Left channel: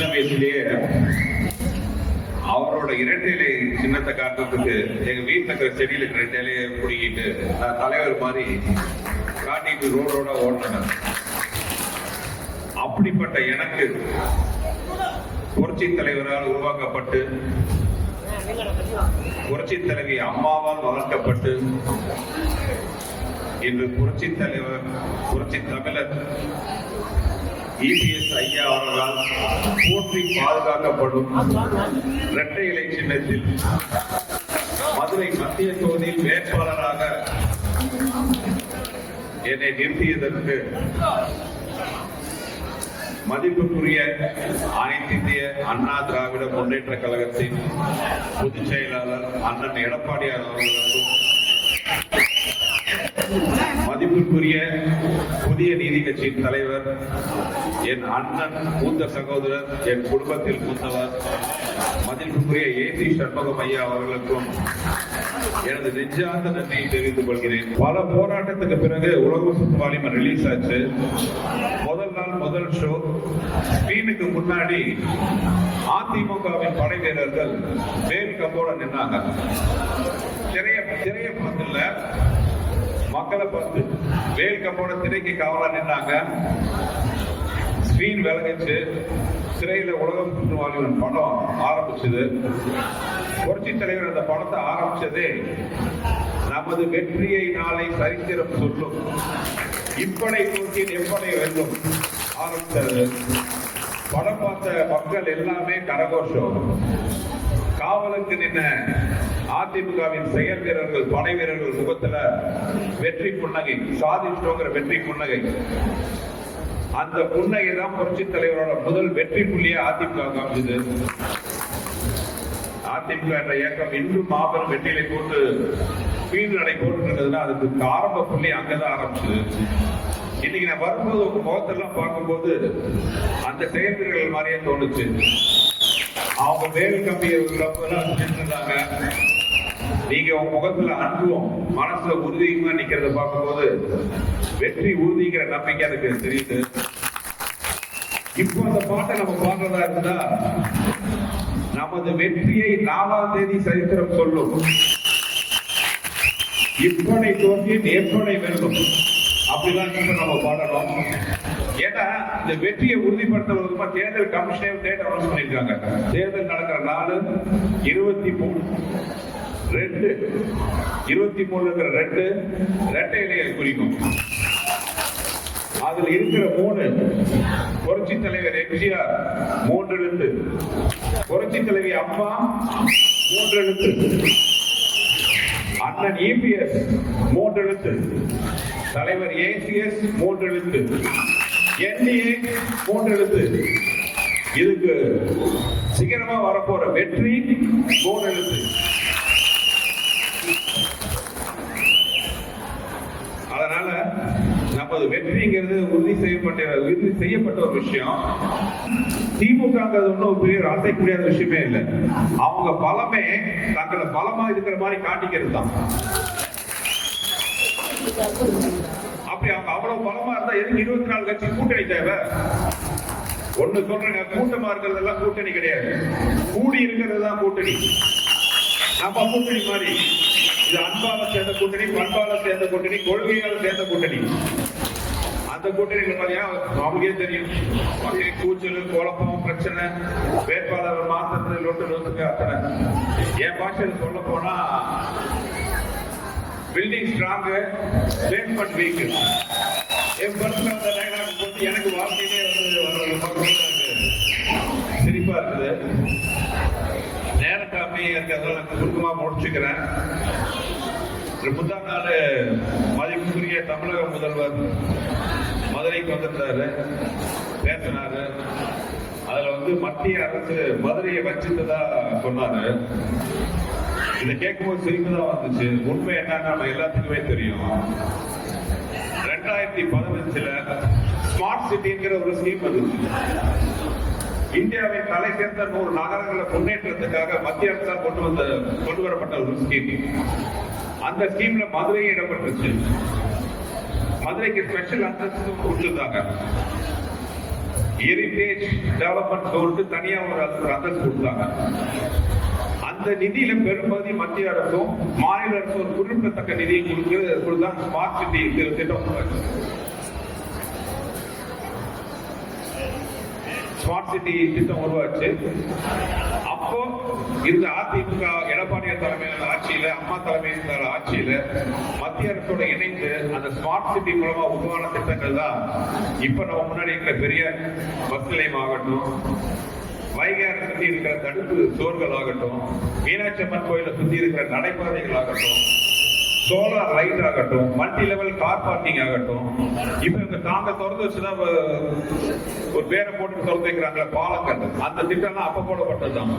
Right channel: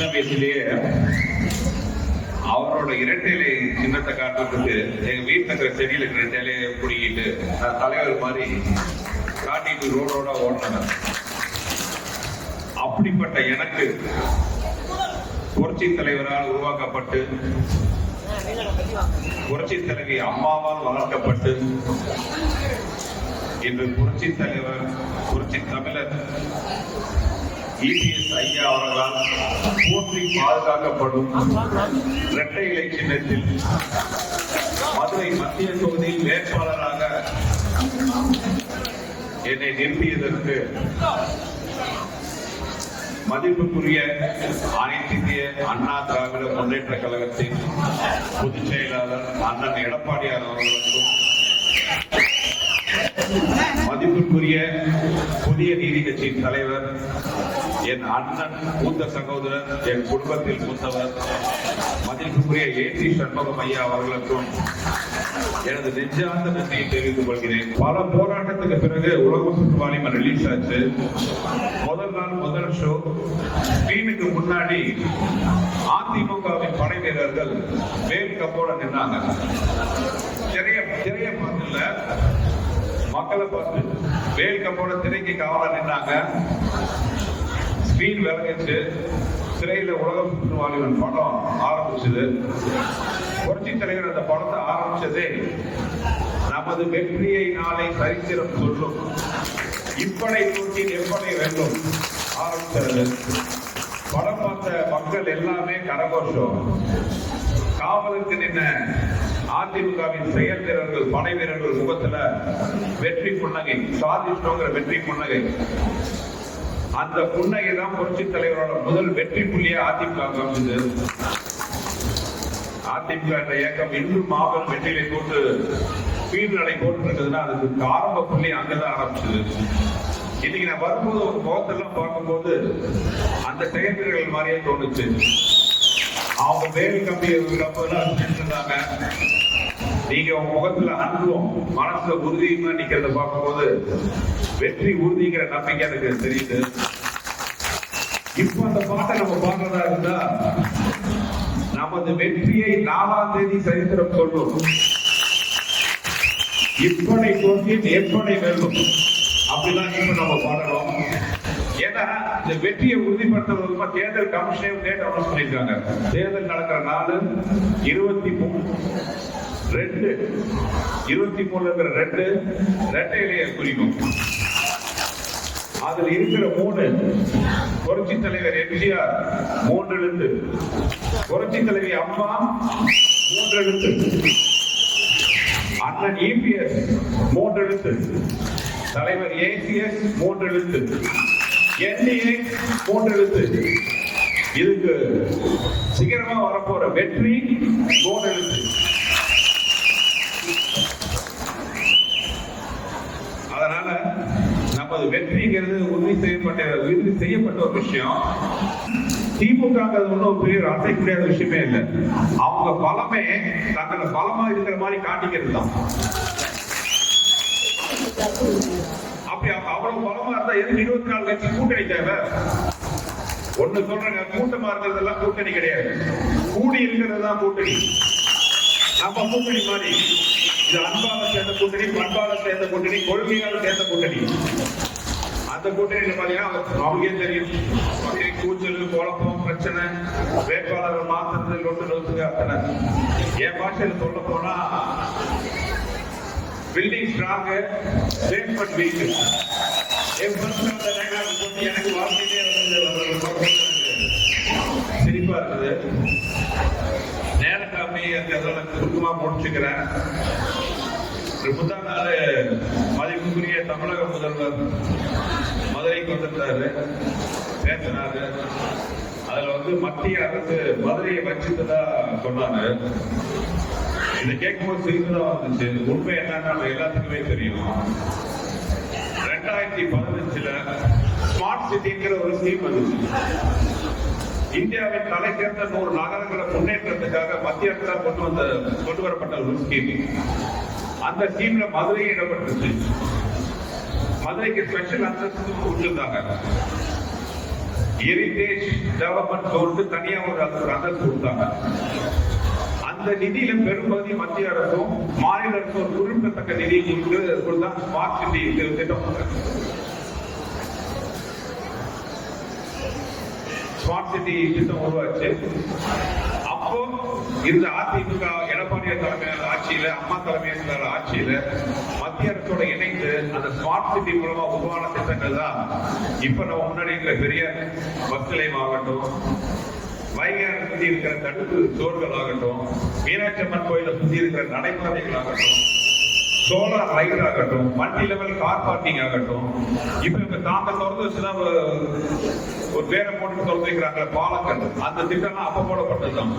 சின்ன வயசுலயே அவரோட இரட்டையிலை சின்னத்தை காட்டுறதுக்கு எங்க வீட்டுல இருக்கிற செடியில இருக்கிற இரட்டையிலையை பிடிக்கிட்டு நான் தலைவர் மாதிரி காட்டிட்டு ரோடோட ஓடினார். அப்படிப்பட்ட எனக்கு புரட்சி தலைவரால் உருவாக்கப்பட்டு புரட்சி தலைவி அம்மாவால் வளர்க்கப்பட்டு இன்று புரட்சி தலைவர் புரட்சி தமிழர் EPS ஐயா அவர்களால் போற்றி பாதுகாக்கப்படும் இரட்டை இலை சின்னத்தில் மதுரை மத்திய தொகுதியில் வேட்பாளராக என்னை நிறுத்தியதற்கு மதிப்புக்குரிய அனைத்து இந்திய அண்ணா திராவிட முன்னேற்ற கழகத்தின் பொதுச் செயலாளர் அண்ணன் எடப்பாடியார் அவர்களுக்கும் மதிப்புக்குரிய புதிய நீதி கட்சியின் தலைவர் என் அண்ணன் மூத்த சகோதரர் என் குடும்பத்தில் மூத்தவர் மதிப்புக்குரிய ஏசி சண்முகம் ஐயா அவர்களுக்கும் எனது நெஞ்சார்ந்த நன்றியை தெரிவித்துக் கொள்கிறேன். பல போராட்டத்துக்கு பிறகு உலக சுற்றுவாலிமன் ரிலீஸ் ஆச்சு. முதல் நாள் முதல் ஷோ ஸ்கிரீனுக்கு முன்னாடி அதிமுகவின் படை வீரர்கள் வேல் கம்போட நின்னாங்க. திரைய பார்த்துல மக்களை பார்த்து வேல் கம்போட திரைக்கு காவலா நின்னாங்க. ஸ்கிரீன் விலகிச்சு. திரையில உலகம் சுற்றுவாலிமன் படம் ஆரம்பிச்சது. புரட்சி தலைவர் அந்த படத்தை ஆரம்பிச்சதே நமது வெற்றியை நாளை சரித்திரம் சொல்லும், இப்படை தூக்கி எப்படை வெல்லும் ஆரம்பிச்சது. படம் பார்த்த மக்கள் எல்லாமே கரகோஷம். காவலுக்கு நின்ன அதிமுகவின் செயல் வீரர்கள் படை வீரர்கள் முகத்துல வெற்றி புன்னகை, சாதிச்சோங்கிற வெற்றி புன்னகை. அந்த புன்னகை தான் புரட்சி தலைவரோட முதல் வெற்றி புள்ளியா அதிமுக காமிச்சது. அதிமுக என்ற இயக்கம் இன்னும் மாபெரும் வெற்றியை போட்டு பீடு நடை போட்டுருக்குதுன்னா அதுக்கு ஆரம்ப புள்ளி அங்கதான் ஆரம்பிச்சது. இன்னைக்கு நான் வரும்போது ஒரு முகத்தெல்லாம் பார்க்கும்போது அந்த செயல்கள் மாதிரியே தோணுச்சு. அவங்க வேறு கம்பியை சொன்னாங்க, நீங்க உங்க முகத்துல அன்பும் மனசுல உறுதியுமா நிக்கிறத பார்க்கும்போது வெற்றி உறுதிங்கிற நம்பிக்கை எனக்கு தெரியுது. இப்போ அந்த பாட்டை நம்ம பார்க்கறதா இருந்தா நமது வெற்றியை 4ஆம் தேதி சரித்திரம் சொல்லும், இப்பனை தோன்றி எப்பனை வெல்லும் அப்படிதான் இப்ப நம்ம பாடலாம். ஏன்னா இந்த வெற்றியை உறுதிப்படுத்துவதற்கு தேர்தல் கமிஷனே டேட் அனௌன்ஸ் பண்ணிருக்காங்க. தேர்தல் நடக்கிற நாள் 23/2 இரட்டை இலையை குறிக்கும். அதுல இருக்கிற 3 புரட்சி தலைவர் எம்ஜிஆர் 3 எழுத்து, புரட்சி தலைவி அம்மா 3 எழுத்து, அண்ணன் EPS 3 எழுத்து, தலைவர் ACS 3 எழுத்து, NDA 3 எழுத்து. இதுக்கு சீக்கிரமா வரப்போற வெற்றி 3 எழுத்து. அதனால நமது வெற்றிங்கிறது உறுதி செய்யப்பட்ட ஒரு விஷயம். திமுகங்கிறது ஒன்றும் பெரிய அசைக்கூடிய விஷயமே இல்லை. அவங்க பலமே தங்களை பலமா இருக்கிற மாதிரி காட்டிக்கிறது தான். அப்படி அவங்க அவ்வளவு பலமா இருந்தா எதுக்கு 24 கட்சி கூட்டணி தேவை? ஒண்ணு சொல்றேன், கூட்டமா இருக்கிறதெல்லாம் கூட்டணி கிடையாது, கூடி இருக்கிறது தான் கூட்டணி. நம்ம கூட்டணி மாதிரி இது அன்பால சேர்ந்த கூட்டணி, பண்பால சேர்ந்த கூட்டணி, கொள்கையால சேர்ந்த கூட்டணி. அந்த கூட்டணி மாதிரியா அவங்களுக்கே தெரியும். கூச்சல், குழப்பம், பிரச்சனை, வேட்பாளர்கள் மாற்றத்தில் ஒன்று அத்தனை. என் பாஷையில் சொல்ல போனா பில்டிங் ஸ்ட்ராங், ஸ்டேட்மெண்ட் வீக். என் பர்சனல் டைலாக் போட்டு எனக்கு வாழ்க்கையிலே சிரிப்பா இருக்குது. நேரக்காமே சுருக்கமா முடிச்சுக்கிறேன். முதல் நாள் மதிப்புக்குரிய தமிழக முதல்வர் மதுரைக்கு வந்திருந்தாரு, பேசினாரு. அதுல மத்திய அரசு மதுரையை வச்சுதான் சொன்னாரு. இதை கேட்கும்போது சிரிப்பு தான் வந்துச்சு. உண்மை என்னன்னா நம்ம எல்லாத்துக்குமே தெரியும். 2015 ஸ்மார்ட் சிட்டிங்கிற ஒரு ஸ்கீம் வந்துச்சு. இந்தியாவின் தலை சேர்ந்த 100 நகரங்களை முன்னேற்றத்துக்காக மத்திய அரசால் கொண்டு வரப்பட்ட ஒரு ஸ்கீம். அந்த ஸ்கீம்ல மதுரை இடம்பெற்றுச்சு. மதுரைக்கு ஸ்பெஷல் அந்தஸ்து கொடுத்திருந்தாங்க. ஹெரிடேஜ் டெவலப்மெண்ட் சொல்லிட்டு தனியா ஒரு அந்தஸ்து கொடுத்தாங்க. அந்த நிதியில பெரும்பகுதி மத்திய அரசும் மாநில அரசும் குறிப்பிடத்தக்க நிதியை கொடுத்து ஸ்மார்ட் சிட்டி திட்டம். ஸ்மார்ட் சிட்டி திட்டம் உருவாச்சு. அப்போ இருந்த அதிமுக எடப்பாடியார் தலைமையிலான ஆட்சியில, அம்மா தலைமையிலான ஆட்சியில மத்திய அரசோட இணைந்து அந்த ஸ்மார்ட் சிட்டி மூலமா உருவான திட்டங்கள் தான் இப்ப நம்ம முன்னாடி இருக்கிற பெரிய பஸ் நிலையம் ஆகட்டும், வைகையாரை சுத்தி இருக்கிற தடுப்பு சோர்கள் ஆகட்டும், மீனாட்சி அம்மன் கோயிலை சுத்தி இருக்கிற நடைபாதைகள் ஆகட்டும், சோலார் லைட் ஆகட்டும், மல்டி லெவல் கார் பார்க்கிங் ஆகட்டும், இப்ப தாங்க திறந்து வச்சுதான் ஒரு பேரை போட்டு திறந்து வைக்கிறாங்க பாலங்கள். அந்த திட்டம்லாம் அப்ப போடப்பட்டதுதான்.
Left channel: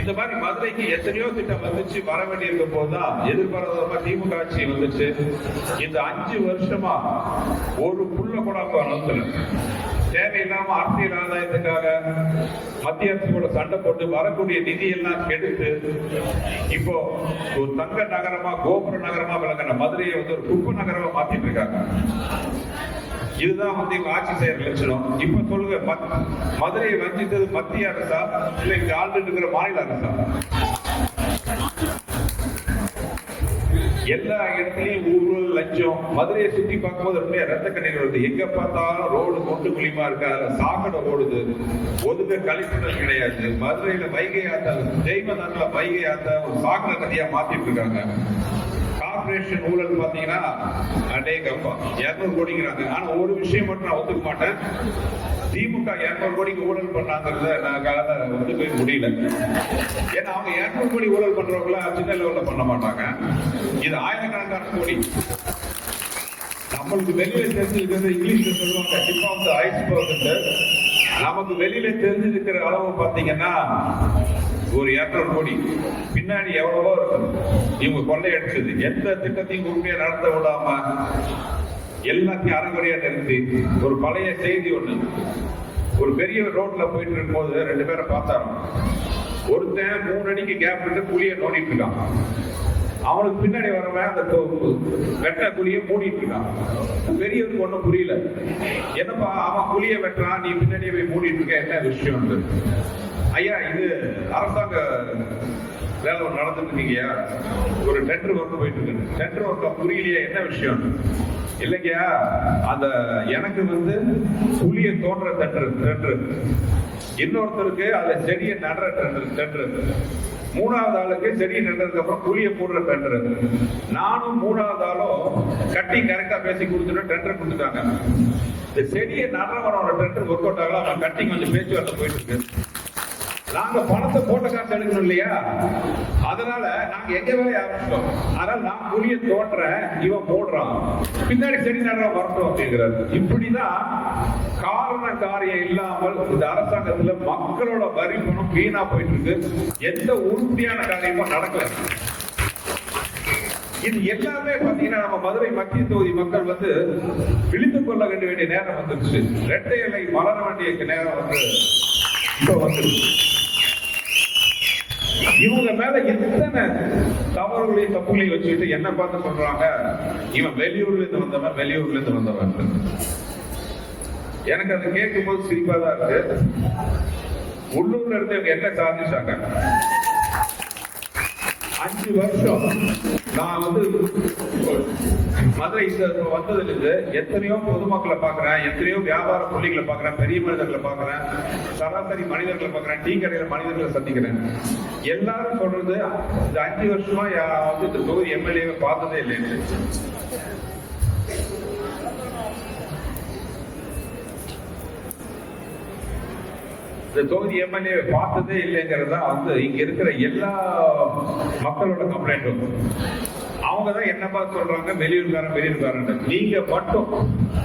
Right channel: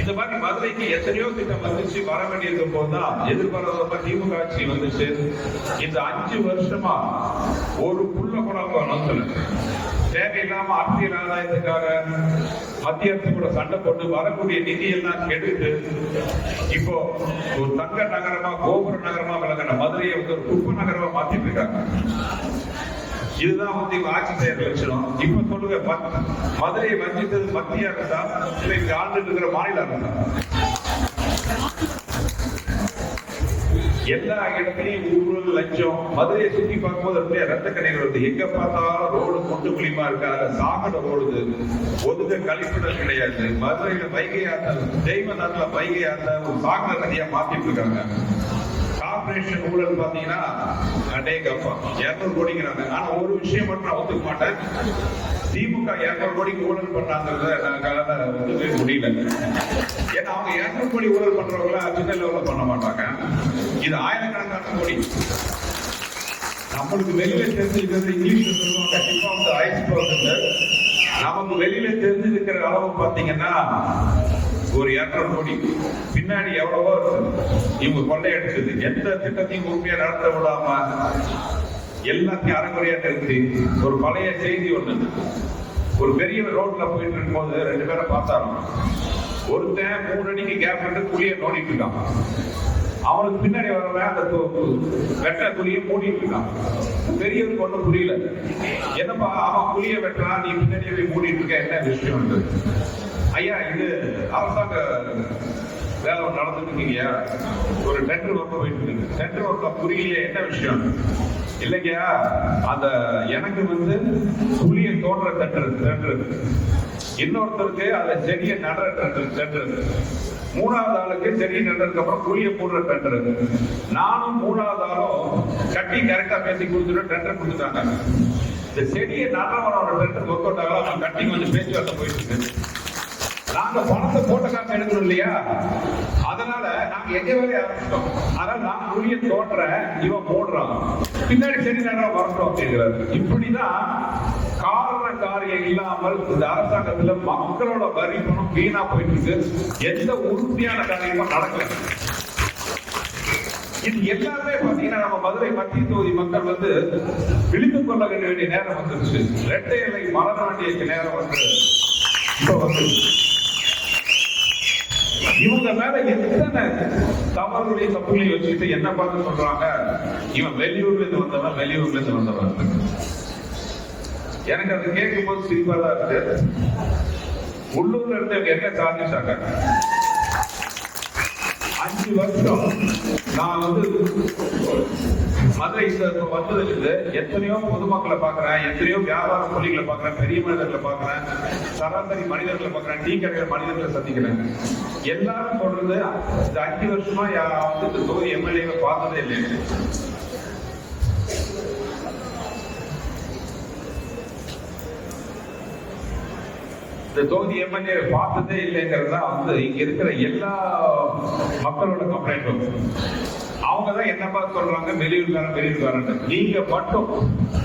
இந்த மாதிரி மதுரைக்கு எத்தனையோ திட்டம் வந்துச்சு. வர வேண்டியிருக்கும் போதுதான் எதிர்பாராத திமுக ஆட்சி வந்துச்சு. இந்த 5 வருஷமா ஒரு புள்ள கூட அனுப்பல. தேவையில்லாம அரசியல் ஆதாயத்துக்காக மத்திய அரசு கூட சண்டை போட்டு வரக்கூடிய நிதியெல்லாம் கெடுத்து இப்போ ஒரு தங்க நகரமா, கோபுர நகரமா விளங்கின மதுரையை வந்து ஒரு குப்பை நகரமா மாத்திட்டு இருக்காங்க. இதுதான் வந்து இவங்க ஆட்சி செய்யற லட்சணம். இப்ப சொல்லுங்க, மதுரையை வஞ்சித்தது மத்திய அரசா இல்லை இந்த ஆண்டு இருக்கிற மாநில அரசா? எல்லா இடத்துலயும் ஊழல், லஞ்சம். மதுரையை சுத்தி பார்க்கும்போது ரத்த கண்ணீர் வருது. எங்க பார்த்தாலும் ரோடு கொண்டு குளிமா இருக்கு, அதுல சாக்கடை ஓடுது, ஒதுக்க கழிப்பிடம் கிடையாது. மதுரையில வைகை ஆத்த, ஜெய்மநாத்ல வைகை ஆத்த ஒரு சாக்கடை நதியா மாத்திட்டு இருக்காங்க. கார்பரேஷன் ஊழல் பாத்தீங்கன்னா அநேகமா 200 கோடிங்கிறாங்க. ஆனா ஒரு விஷயம் மட்டும் நான் ஒத்துக்க மாட்டேன், திமுக 200 கோடிக்கு ஊழல் பண்ணாங்கிறத நான் ஒத்துக்கவே முடியல. ஏன்னா அவங்க 200 கோடி ஊழல் பண்றவங்கள சின்ன லெவல்ல பண்ண மாட்டாங்க. இது ஆயிரக்கணக்கான கோடி. நம்மளுக்கு வெளியில தெரிஞ்சிருக்கிறது இங்கிலீஷ்ல சொல்லுவாங்க டிப் ஆஃப் தி ஐஸ்பர்க். நமக்கு வெளியில தெரிஞ்சிருக்கிற அளவு பாத்தீங்கன்னா ஒரு 200 கோடி. பின்னாடி எவ்வளவோ இவங்க கொள்ளையடிச்சது. எந்த திட்டத்தையும் உண்மையா நடத்த விடாம எல்லாத்தையும் அரைகுறையா நிறுத்தி. ஒரு பழைய செய்தி ஒண்ணு, ஒரு பெரிய ரோட்ல போயிட்டு இருக்கும் போது 2 பேரை பார்த்தாங்க. ஒருத்தன் 3 அடிக்கு கேப் விட்டு குழியை நோண்டிட்டு இருக்கான். அவனுக்கு பின்னாடி வரவன் அந்த வெட்ட குழியை மூடிட்டு இருக்கான். பெரியவருக்கு ஒண்ணும் புரியல. என்னப்பா அவன் குழியை வெட்டுறான், நீ பின்னாடியே போய் மூடிட்டு இருக்க, என்ன விஷயம்? ஐயா, இது அரசாங்க வேலை நடந்துட்டு இருக்கீங்க, ஒரு டெண்டர் ஒர்க் போயிட்டு இருக்கு. டெண்டர் ஒர்க் புரியலையா, என்ன விஷயம்? இல்லைங்கயா, அந்த எனக்கு வந்து புளிய தோன்ற டெண்டர், இன்னொருத்தருக்கு அதுல செடியை நடுற டெண்டர், 3வது ஆளுக்கு செடியை நடுறதுக்கு அப்புறம் புளிய போடுற டெண்டர். நானும் 3வது ஆளும் கட்டி கரெக்டா பேசி கொடுத்துட்டு டெண்டர் கொடுத்துட்டாங்க. இந்த செடியை நடுறவனோட டெண்டர் ஒர்க் அவுட் ஆகலாம், அவன் கட்டிக்கு வந்து பேச்சுவார்த்தை போயிட்டு இருக்கு. நாங்க பணத்தை போட்ட காசு எடுக்கணும் இல்லையா? அதனால நாங்க எங்க வேலையை ஆரம்பிச்சோம். அதனால நான் புளிய தோன்றேன், இவன் போடுறான், பின்னாடி சரி நேரம் வரணும் அப்படிங்கிறாரு. இப்படிதான் காரண காரியம் இல்லாமல் இந்த அரசாங்கத்துல மக்களோட வரி பணம் வீணா போயிட்டு இருக்கு. எந்த உறுதியான காரியமும் நடக்கல. இது எல்லாமே பாத்தீங்கன்னா நம்ம மதுரை மத்திய தொகுதி மக்கள் வந்து விழித்துக் கொள்ள வேண்டிய நேரம் வந்துருச்சு. இரட்டை இலை மலர வேண்டிய நேரம் வந்து இப்ப வந்து இவங்க மேல எத்தனை தவறுடைய தப்புகளையும் வச்சுக்கிட்டு என்ன பார்த்து சொல்றாங்க, இவன் வெளியூர்ல இருந்து வந்தவன், வெளியூர்ல இருந்து வந்தவன். எனக்கு அதை கேட்கும் போது சிரிப்பா தான் இருக்கு. உள்ளூர்ல இருந்து இவங்க என்ன சாதிச்சாங்க? 5 வருஷம் நான் வந்து மதுரை வந்ததிலிருந்து எத்தனையோ பொதுமக்களை பாக்குறேன், எத்தனையோ வியாபார புள்ளிகளை பாக்குறேன், பெரிய மனிதர்களை பாக்குறேன், சராசரி மனிதர்களை பாக்குறேன், டீ கடையில மனிதர்களை சந்திக்கிறேன். எல்லாரும் சொல்றது இந்த 5 வருஷமா வந்து இந்த தொகுதி எம்எல்ஏவை பார்த்ததே இல்லை. இந்த தொகுதி எம்எல்ஏ பார்த்ததே இல்லைங்கிறது தான் வந்து இங்க இருக்கிற எல்லா மக்களோட கம்ப்ளைண்ட்டும். அவங்கதான் என்ன பார்த்து சொல்றாங்க, வெளியூர்காரன். நீங்க மட்டும்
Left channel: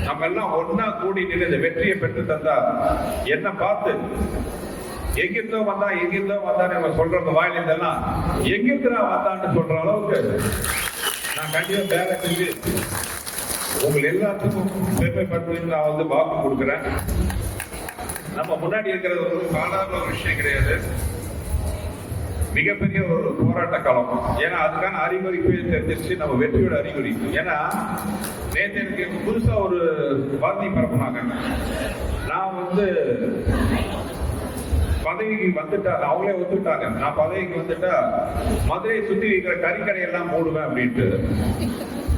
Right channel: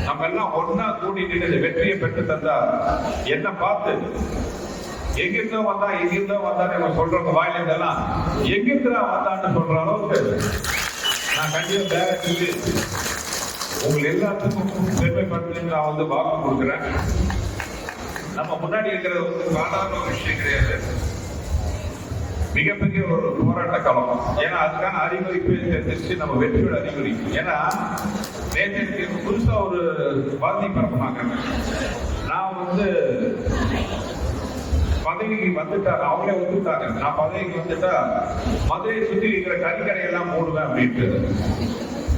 நம்ம எல்லாம் ஒன்னா கூடி நின்று வெற்றியை பெற்று தந்தா என்ன பார்த்து எங்கிருந்தோ வந்தா நம்ம சொல்றவங்க வாயிலிருந்தெல்லாம் எங்கிருந்தா வந்தான்னு சொல்ற அளவுக்கு நான் கண்டிப்பா வேலை செஞ்சு உங்களை எல்லாத்துக்கும் பெருமைப்படுத்தி நான் வந்து வாக்கு கொடுக்குறேன். நம்ம முன்னாடி இருக்கிறது ஒரு சாதாரண விஷயம் கிடையாது, மிகப்பெரிய ஒரு போராட்ட காலம். ஏன்னா அதுக்கான அறிகுறி தெரிஞ்சிருச்சு, நம்ம வெற்றியோட அறிகுறி. ஏன்னா நேற்று புதுசா ஒரு வார்த்தை பரப்புனாங்க. நான் வந்து பதவிக்கு வந்துட்டா, அவங்களே ஒத்துக்கிட்டாங்க, நான் பதவிக்கு வந்துட்டா மதுரையை சுத்தி இருக்கிற கறிக்கடை எல்லாம் போடுவேன் அப்படின்ட்டு.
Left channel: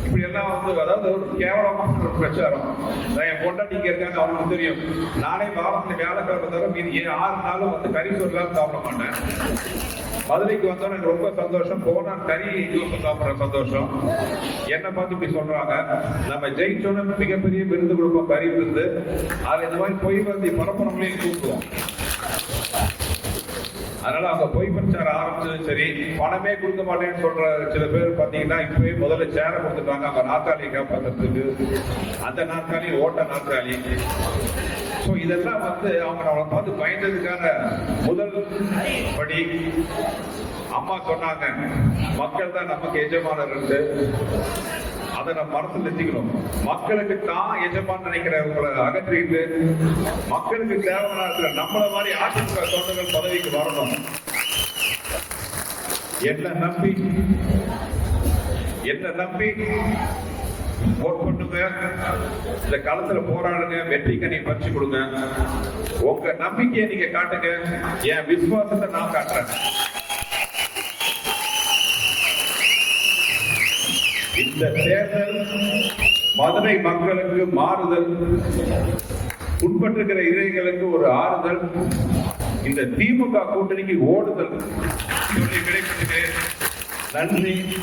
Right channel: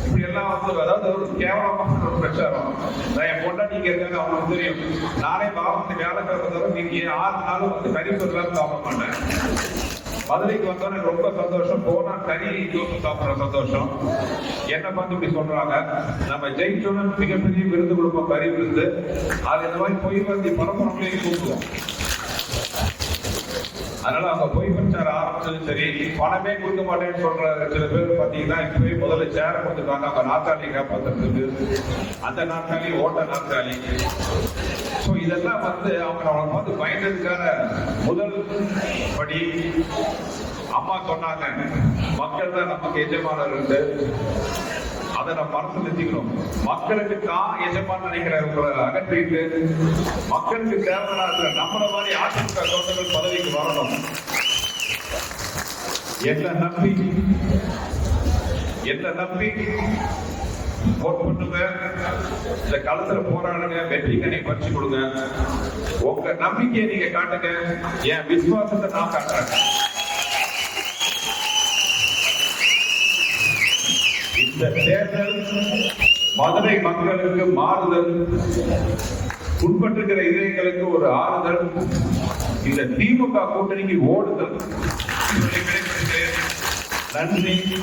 இப்படி எல்லாம் வந்து அதாவது ஒரு கேவலமான ஒரு பிரச்சாரம். நான் என் பொண்டாட்டிங்க இருக்காங்க, அவங்களுக்கு தெரியும். நானே வாரத்துக்கு வியாழக்கிழமை தவிர மீதி 6 நாளும் வந்து கறி சோறுலாம் சாப்பிட மாட்டேன். மதுரைக்கு வந்தோம் எனக்கு ரொம்ப சந்தோஷம். போனா கறி தோசை சாப்பிட்ற சந்தோஷம். என்ன பார்த்து இப்படி சொல்றாங்க, நம்ம ஜெயிச்சோன்னு மிகப்பெரிய விருது கொடுப்போம், கறி விருது. அது இந்த மாதிரி பொய் வந்து பரப்புறவங்களையும் கூப்பிடுவோம். அதனால அவங்க பொய் பிரச்சாரம் ஆரம்பிச்சது சரி. பணமே கொடுக்க மாட்டேன்னு சொல்ற சில பேர் பாத்தீங்கன்னா இப்பவே முதல்ல சேர கொடுத்துருக்காங்க அவங்க நாற்காலி காப்பாற்றுறதுக்கு. அந்த நாற்காலி ஓட்ட நாற்காலி. ஸோ இதெல்லாம் வந்து அவங்க நம்மளை பார்த்து பயந்ததுக்கான முதல் படி. அம்மா சொன்னாங்க, மக்கள் தான் நமக்கு எஜமானர்கள். அதை நம்ம மனசு நிறுத்திக்கணும். மக்களுக்கு தான் எஜமான் நினைக்கிறவங்களை அகற்றிட்டு மக்களுக்கு தேவையான இருக்கிற நம்மள மாதிரி அதிமுக தொண்டர்கள் பதவிக்கு வரணும். என்ன நம்பி ஓட் பண்ணுங்க, இந்த களத்துல போராடுங்க, வெற்றி கனி பறிச்சு கொடுங்க. உங்க நம்பிக்கையை நீங்க காட்டுங்க, என் விசுவாசத்தை நான் காட்டுறேன். இந்த தேர்தல் மதுரை மக்களுக்கு மாறுதல், உட்பட்டிருக்கிற இதயங்களுக்கு ஒரு ஆறுதல், இந்த திமுக கூட்டணிக்கு ஓடுதல். நன்றி.